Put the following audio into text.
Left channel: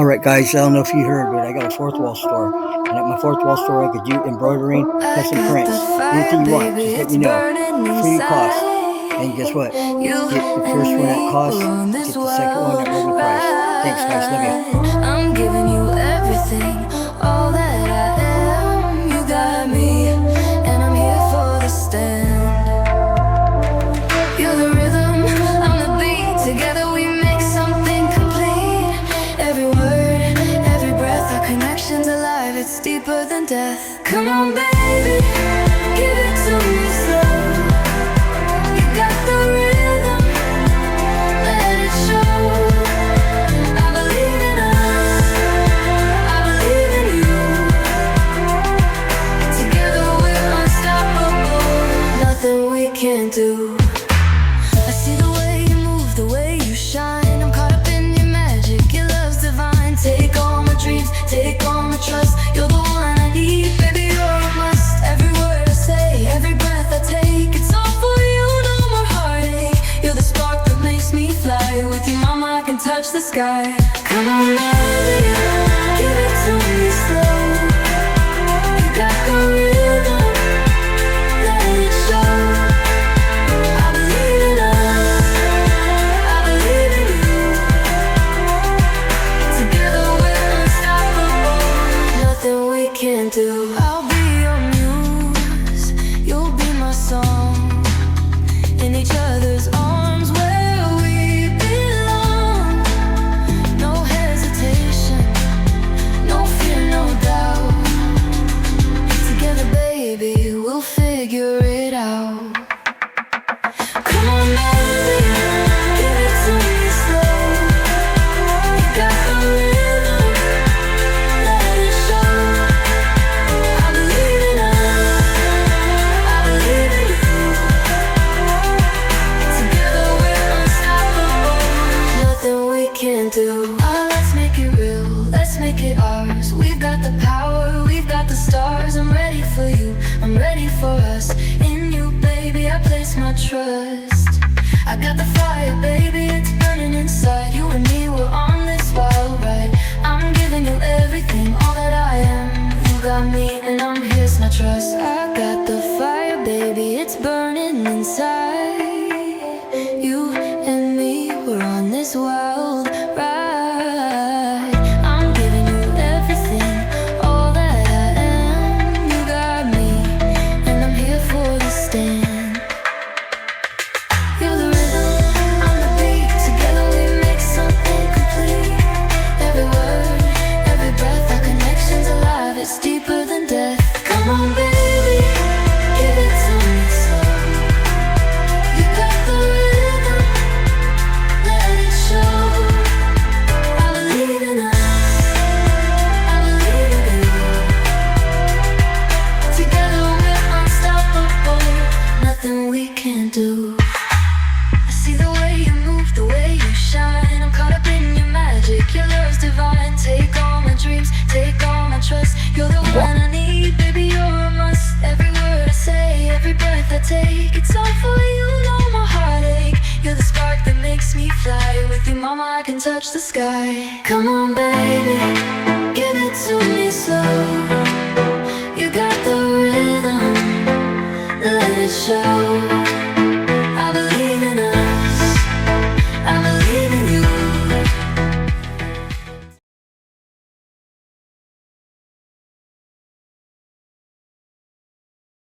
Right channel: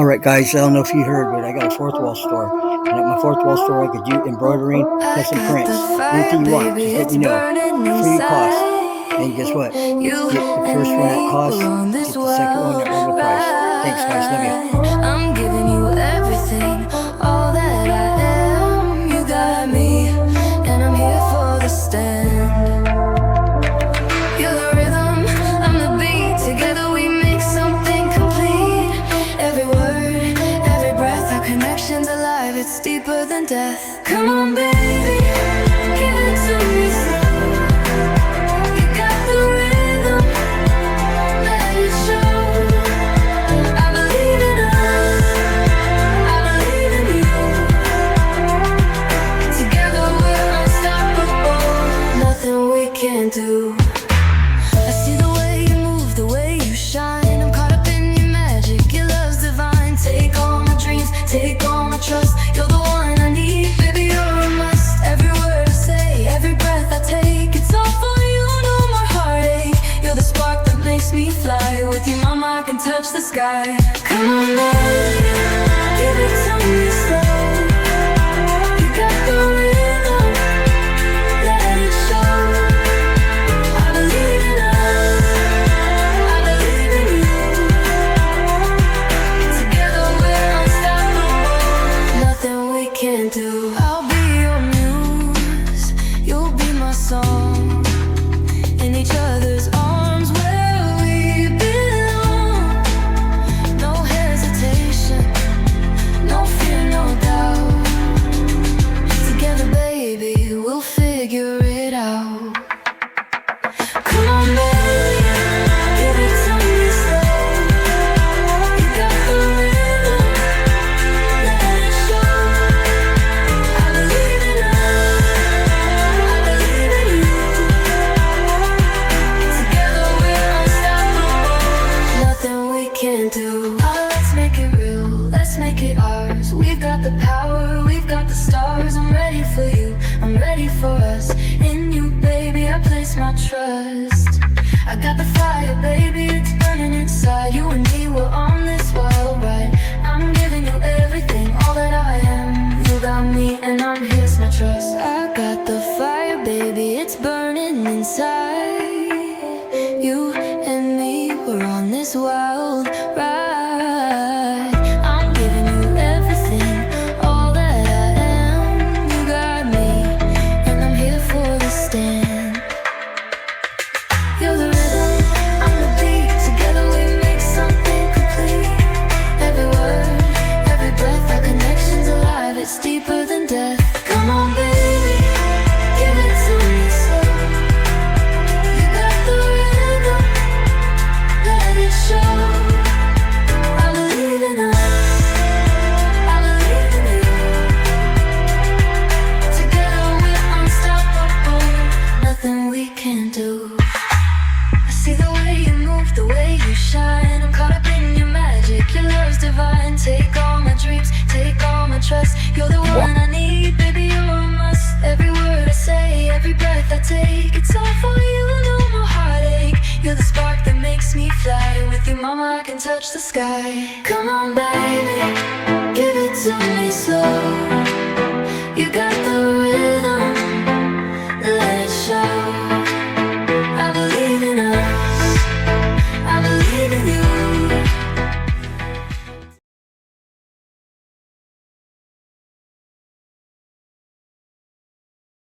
Alright guys, I don't know if you heard, but I got a fourth wall store. And at my fourth wall store I could do embroidering, custom prints, anything you want, just let me know. Free of cost. And guess what? Get the first one at cost, get the second one at regular price. Thanks guys, love you. I'm giving you everything, all that I am. You got me, and I'm here for the stand. You're the rhythm, I'm the beat. Together we make something complete. Every word, every breath, our connection's alive. It's deeper than death. Come on baby, give it to me slow. You got the rhythm, let it show. I believe in us, I believe in you. Together we're unstoppable, nothing we can't do. I see the way you move, the way you shine. I'm caught up in your magic, your love's divine. Take all my dreams, take all my trust. You're the one I need, baby, you're a must. Every word I say, every breath I take, it's all for you, no more heartache. You're the spark that makes me fly. With you, mama, I can touch the sky. Come on, baby, give it to me slow. You got the rhythm, let it show. Nothing we can't do. I'll be your muse, you'll be my song. In each other's arms where we belong. No hesitation, no fear, no doubt. Together baby, we'll figure it out. Come on baby, give it to me slow. You got the rhythm, let it show. I believe in us, I believe in you. Together we're unstoppable, nothing we can't do. Oh, let's make it real, let's make it ours. We've got the power, we've got the stars. I'm ready for you, I'm ready for us. In you, baby, I place my trust. I got the fire, baby, it's burning inside. You and me, we're on this wild ride. I'm giving you everything, all that I am. You got me, and I'm here's my trust. I got the fire, baby, it's burning inside. You and me, we're on this wild ride. I'm giving you everything, all that I am. You got me, and I'm here for the stand. You're the rhythm, I'm the beat. Together we make something complete. Every word, every breath, our connection's alive. It's deeper than death. Come on baby, give it to me slow. You got the rhythm, let it show. I believe in us, I believe in you. Together we're unstoppable, nothing we can't do. I see the way you move, the way you shine. I'm caught up in your magic, your love's divine. Take all my dreams, take all my trust. You're the one I need, baby, you're a must. Every word I say, every breath I take, it's all for you, no more heartache. You're the spark that makes me fly. With you, mama, I can touch the sky. Come on back.